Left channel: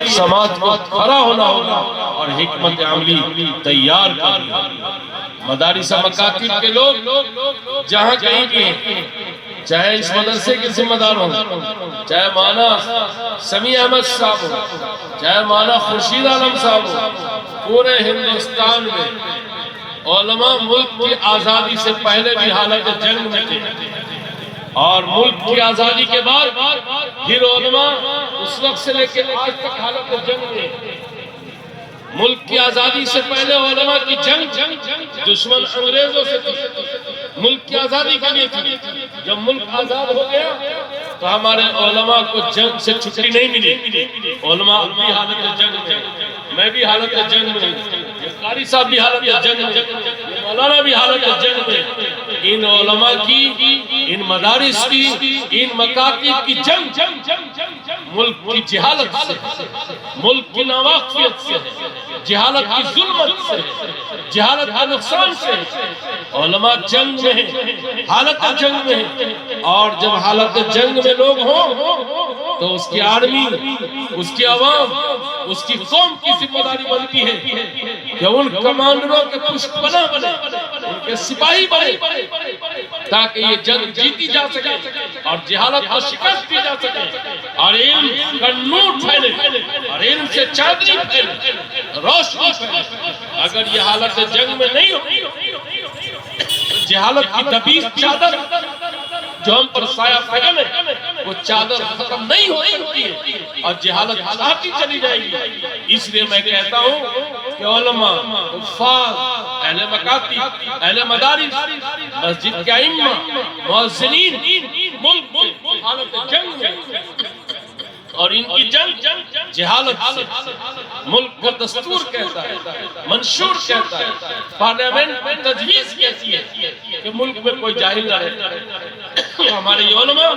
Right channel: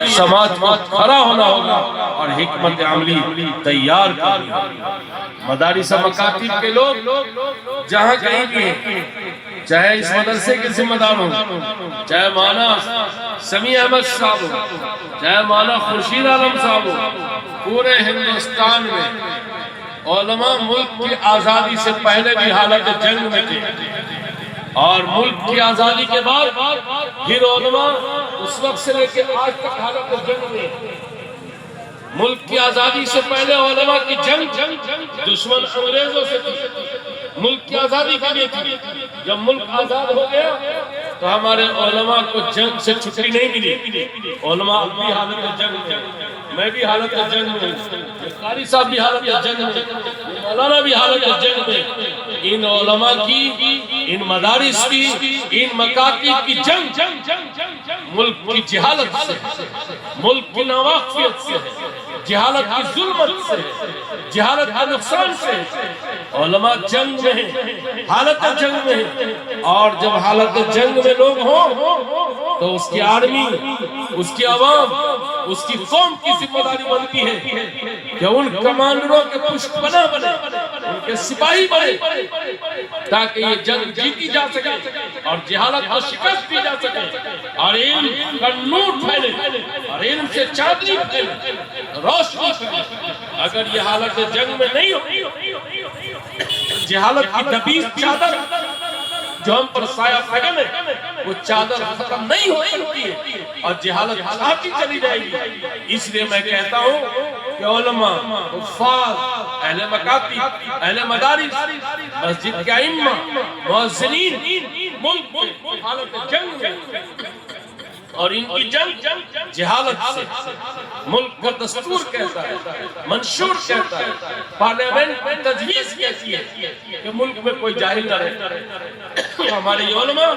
سماج کو کھڑا ہونا ہوگا اور حکمت عملی تیار کرنی ہوگی۔ مدارس مکاتب کے لوگ جہاں کہیں بھی ہیں، چاہے اس مدرسے کے ذمہ دار ہوں، چاہے مولانا سمیع احمد صاحب ہوں، چاہے مولانا خورشید عالم صاحب ہوں، پورے ہندوستان میں علماء ملک کی آزادی سے پہلے بھی حالت جنگ میں تھے، اور ملک کی آزادی کے بعد پھر علماء اس وقت سے لے کے آج تک حالت جنگ میں۔ ملک کی آزادی سے پہلے علماء کی جنگ دشمن انگریزوں سے تھی، ملک کی آزادی کے لیے تھی۔ جب ملک آزاد ہو گیا تو ہمارے علماء کو جنگ سے چھٹی نہیں ملی۔ علماء اب بھی حالت جنگ میں، میں بھی حالت جنگ میں، قاری صاحب بھی حالت جنگ میں، مولانا بھی حالت جنگ میں۔ ان علماء کی، ان مدارس کی، ان مکاتب کی جنگ ملک کی جہالت سے، ملک کی ناواقفیت سے، جہالت کی ظلمت سے، جہالت کے نقصان سے۔ علماء جنگ میں ہیں، حالت جنگ میں ہیں، اور جب حالت جنگ میں لوگ ہوں تو اس کی آرمی، اس کی عوام، اس کی قوم کی ذمہ داری بنتی ہے کہ ان کمانڈروں کے پشت پناہ بنے، ان کے سپاہی بنے، تاکہ یہ جنگ جیتی جا سکے اور جہالت کو شکست دی جا سکے اور علم کا نور پھیلے اور علم سے چادری پھیلے، روشنی پھیلے۔ اگر یہ حالت جنگ میں نہیں ہو، جہالت کی دبیس چادر جو ہم پر سایہ قدم ہے، وہ چادر ختم نہیں ہو سکتی ہے اور جہالت چھاتی چلی جائے گی۔ اس لیے میں کہتا ہوں کہ علماء، حفاظ، اہل مکاتب، اہل مدارس، مسجد کے ائمہ، مؤذنین، ملک حالت جنگ میں، اور ان کی جنگ جہالت سے۔ ملک کا دستور کہتا ہے، منشور کہتا ہے، پارلیمنٹ میں تجویز کہتی ہے کہ ملک میں کوئی جاہل نہ رہے۔ ہمارے علماء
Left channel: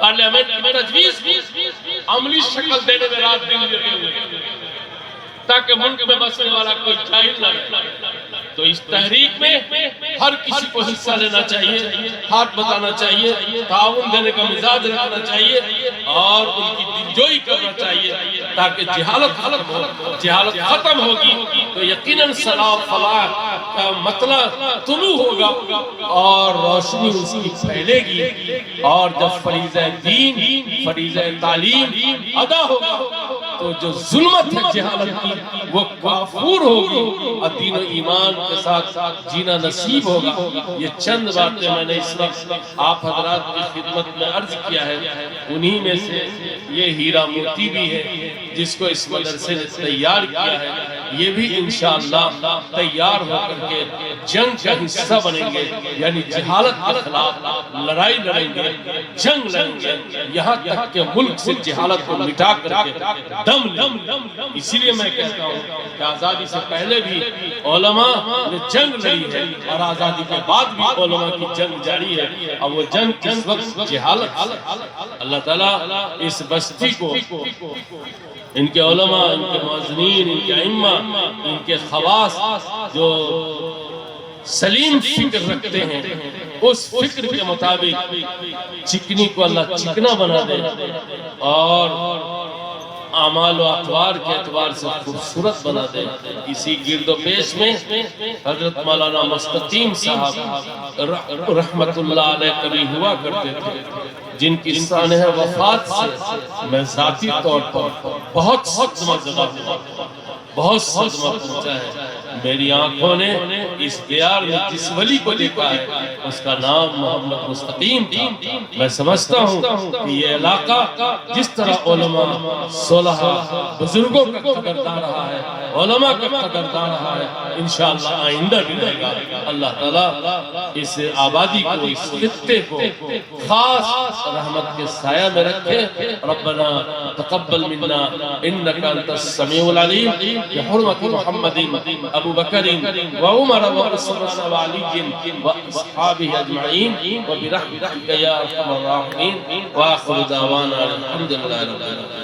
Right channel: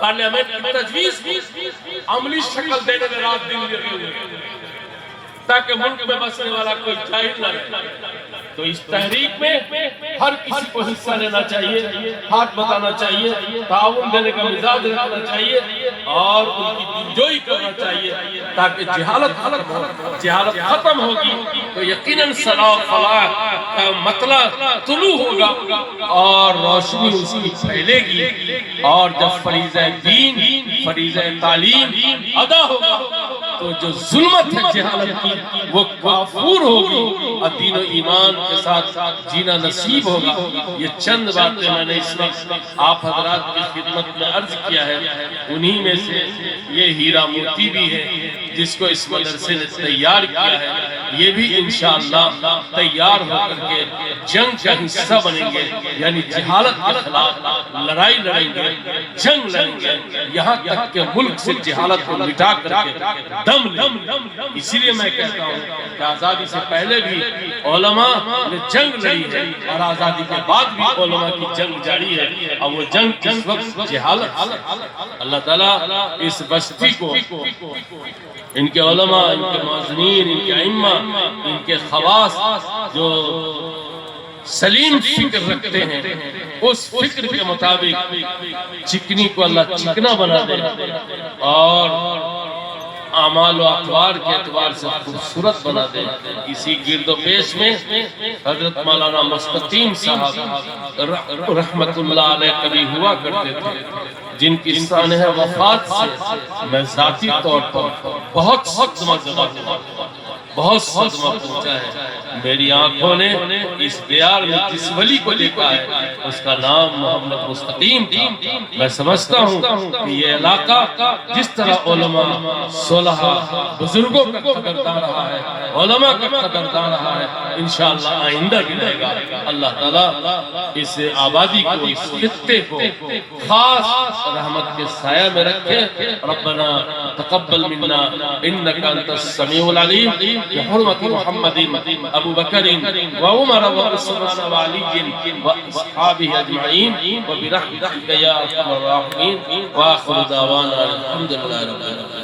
پارلیمنٹ میں تجویز عملی شکل دینے میں رات دن لگے ہوئے تاکہ ملک میں بسنے والا کوئی جاہل نہ رہے۔ تو اس تحریک میں ہر کسی کو حصہ لینا چاہیے، ہاتھ بتانا چاہیے، تعاون دینے کا مزاج رکھنا چاہیے اور ان کی دلجوئی کرنا چاہیے تاکہ جہالت ختم ہو۔ جہالت ختم ہوگی تو یقیناً صلاح و فلاح کا مطلع طلوع ہوگا اور روشنی اس کی پھیلے گی، اور جب فریضہ دین، فریضہ تعلیم ادا ہوگا تو جو ظلمت ہے جہالت کی وہ کافور ہوگی اور دین و ایمان کے ساتھ جینا نصیب ہوگا۔ یہ چند باتیں میں نے اس وقت آپ حضرات کی خدمت میں عرض کیا ہے، انہی میں سے یہ ہیرا موتی بھی ہے جس کو اس مدرسے نے تیار کیا ہے۔ یہ بھی انشاءاللہ تیار ہو کر کے جنگ کا حصہ بنیں گے، یعنی جہالت کے خلاف لڑائی لڑیں گے، جنگ لڑیں گے، یہاں تک کہ ملک سے جہالت کو مٹا کر کے دم لیں۔ اسی لیے میں کہتا ہوں کہ آزادی سے پہلے بھی علماء نے جنگ لڑی ہے اور آزادی کے بعد بھی علماء کی جنگ جاری ہے، اور وہ جنگ کس وقت جہالت سے۔ اللہ تعالیٰ اس بستی کو، ان کے علماء، ان کے مؤذنین، ان کے ائمہ، ان کے خواص جو سلیم فکر رکھتے ہیں، اس فکر کے مطابق چکنی کو اللہ چکنا بنا دے اور اعمال و اقوال کے اعتبار سے خوبصورت بنا دے۔ اسی گرد و پیش میں حضرت مولانا مستقیم صاحب رحمت اللہ علیہ کبھی ہوا کرتے تھے، جن کی سانحہ وفات سے میں ذاتی طور پر بہت صدمہ زدہ ہوا، بہت صدمہ پہنچا ہے۔ میری آنکھوں نے اس دیار میں جس ولی کو دیکھا ہے اس کا نام محمد مستقیم تھا۔ میں سمجھتا ہوں کہ یہ علاقہ جس طرح علماء، صلحاء، بزرگوں کا قدردان رہا ہے، علماء کا قدردان رہا ہے، انشاءاللہ آئندہ بھی رہے گا۔ اللہ تعالیٰ اس آبادی کو، اس خطے کو خاص رحمت کے سایہ میں رکھے۔ ربنا تقبل منا انکا انت السمیع العلیم بحرمت محمد ابو بکر وعمر وعثمان وعلی واصحابہ اجمعین وبرحمتک یا ارحم الراحمین، وآخر دعوانا الحمدللہ رب العالمین۔